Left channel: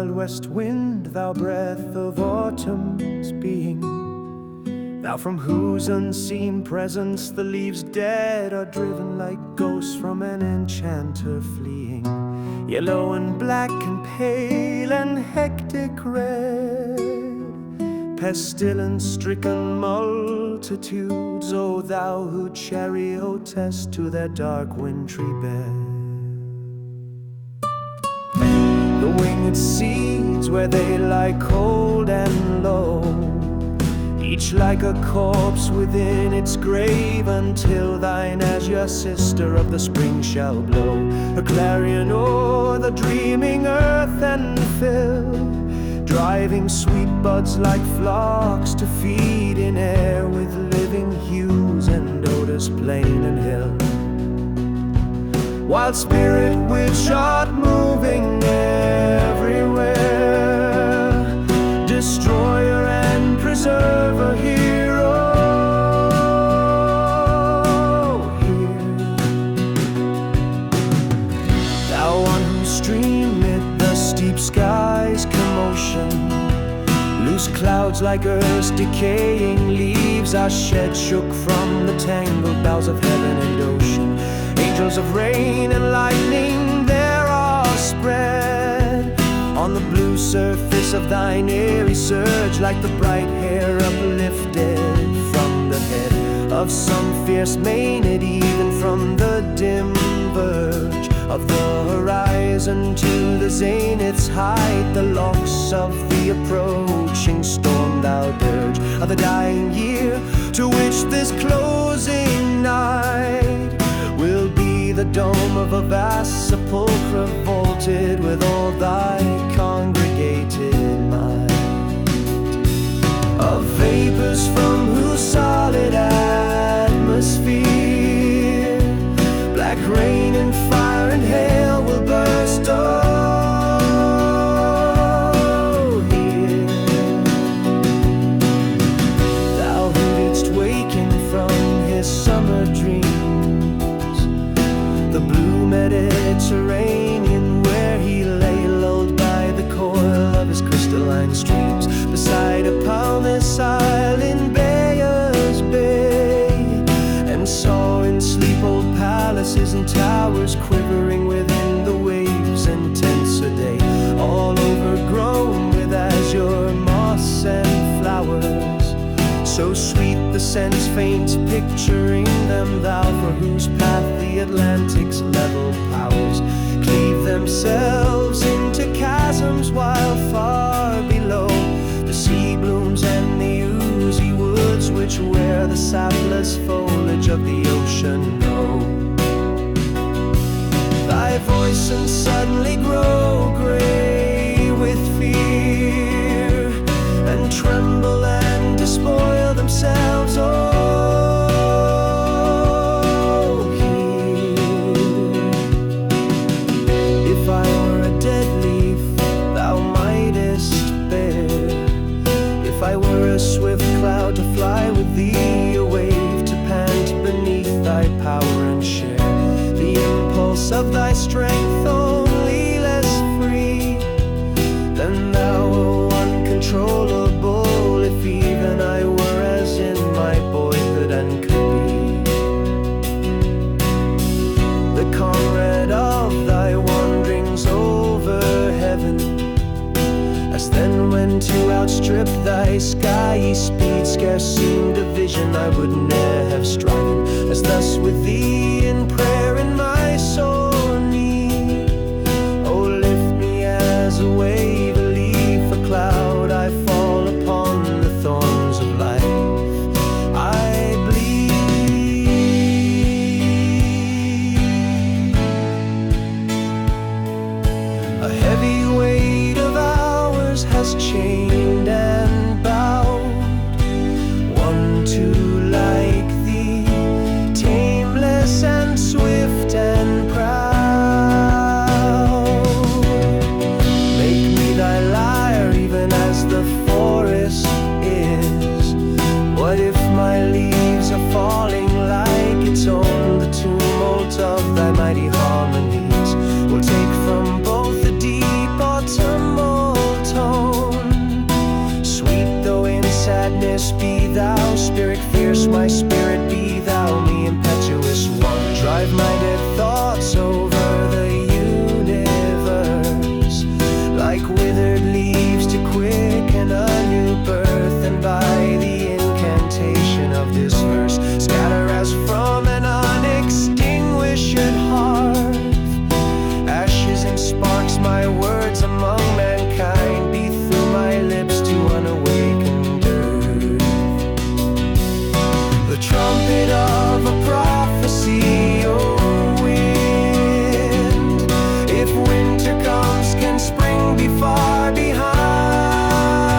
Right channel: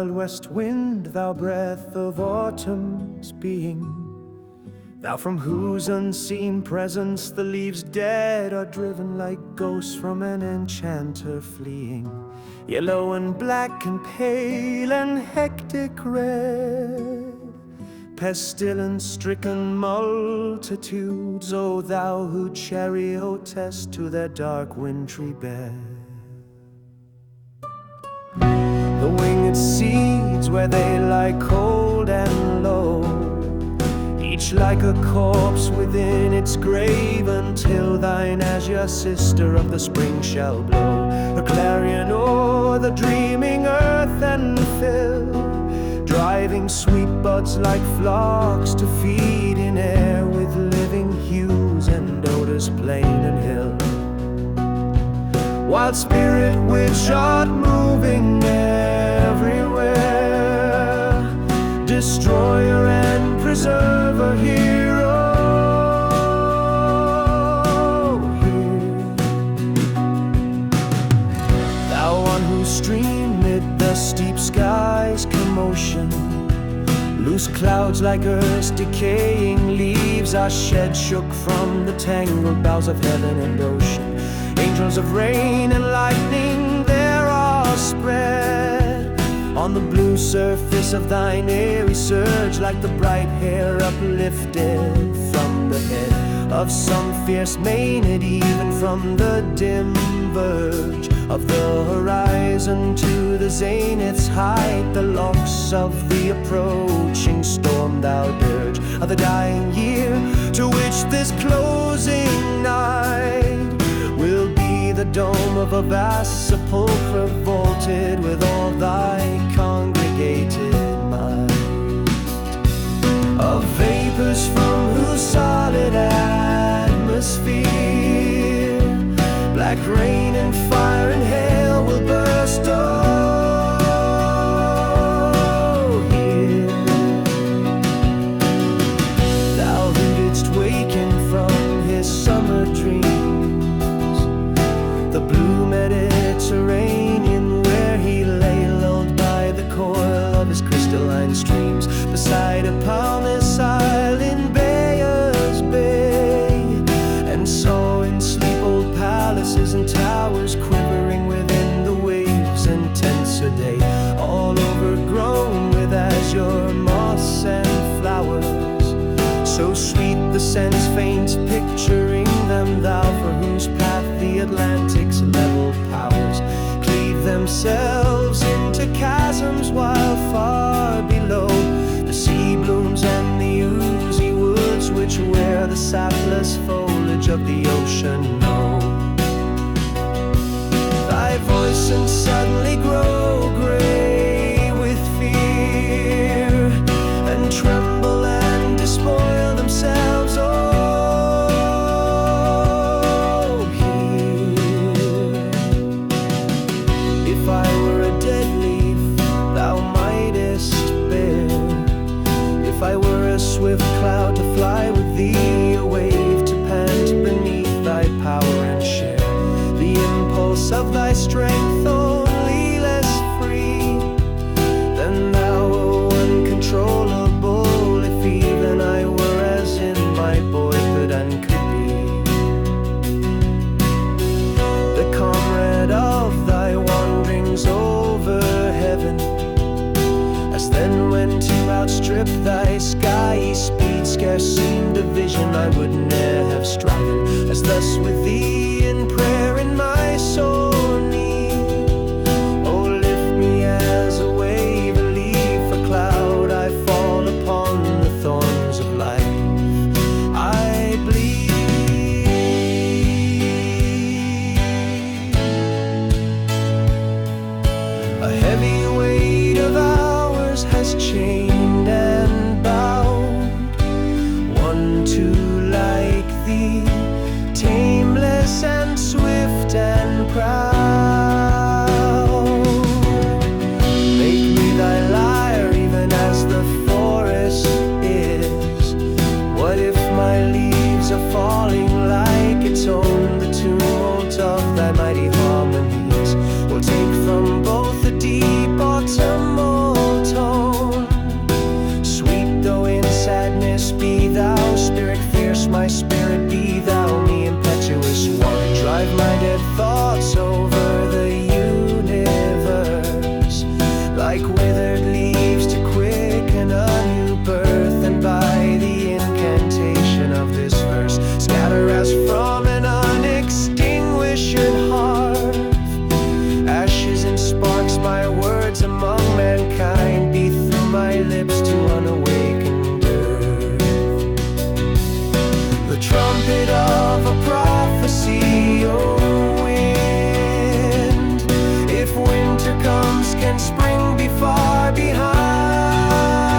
wild west wind, thou breath of autumn's being, thou from whose unseen presence the leaves dead are driven like ghosts from an enchanter fleeing. Yellow and black and pale and hectic red, pestilence-stricken multitudes, O thou who chariotest to their dark wintry bed. The winged seeds where they lie cold and low, each like a corpse within its grave, until thine azure sister of the spring shall blow her clarion o'er the dreaming earth and fill, driving sweet buds like flocks to feed in air with living hues and odors plain and hill. Wild spirit which art moving everywhere, destroyer and preserver, hero, here. Thou on whose stream mid the steep sky's commotion, loose clouds like earth's decaying leaves are shed, shook from the tangled boughs of heaven and ocean. Angels of rain and lightning there are spread on the blue surface of thine airy surge, like the bright hair uplifted from the head of some fierce Maenad, even from the dim verge of the horizon to the zenith's height. The locks of the approaching storm thou dirge of the dying year, to which this closing night will be the dome of a vast sepulchre, vaulted with all thy congregated might. Of vapors from whose solid atmosphere black rain and fire and hail will burst. Oh, here thou who didst waken from his summer dreams, the blue Mediterranean, where he lay lulled by the coil of his crystalline streams, beside a palmist isle in Bayer's Bay, and saw in sleep old palaces and towers quivering within the waves' intenser day, all overgrown with azure moss and flowers. So sweet the sense faint picturing them, thou for whose path the Atlantic's level powers cleave themselves into chasms, while far below the sea blooms and the oozy woods, which wear the sapless foliage of the ocean, know thy voice and suddenly grow gray with fear, and tremble and despoil themselves. Oh, here, if I were a dead leaf thou mightest bear, if I were a swift cloud to fly with thee, a wave to pant beneath thy power and share the impulse of thy strength, only less free than thou, O uncontrollable, if even I were as in my boyhood and could be the comrade of thy wanderings over heaven, as then when to outstrip thy skyey speed scarce seemed a vision I would ne'er have striven, as thus with thee in prayer in my sore need. Oh, lift me as a wave, a leaf, a cloud, I fall upon the thorns of life. I bleed. A heavy weight of hours has chained and bound one too like thee, tameless and swift and proud. Make me thy lyre, even as the forest is. What if my leaves are falling like its own? The tumult of thy mighty harmonies will take from both the deep autumnal my spirit, be thou me, impetuous one. Drive my dead thoughts over the universe, like withered leaves to quicken a new birth. And by the incantation of this verse, scatter as from an unextinguished hearth ashes and sparks my words among mankind, be through my lips to unawakened earth the trumpet of a prophecy. O wind, if winter comes, can spring be far behind?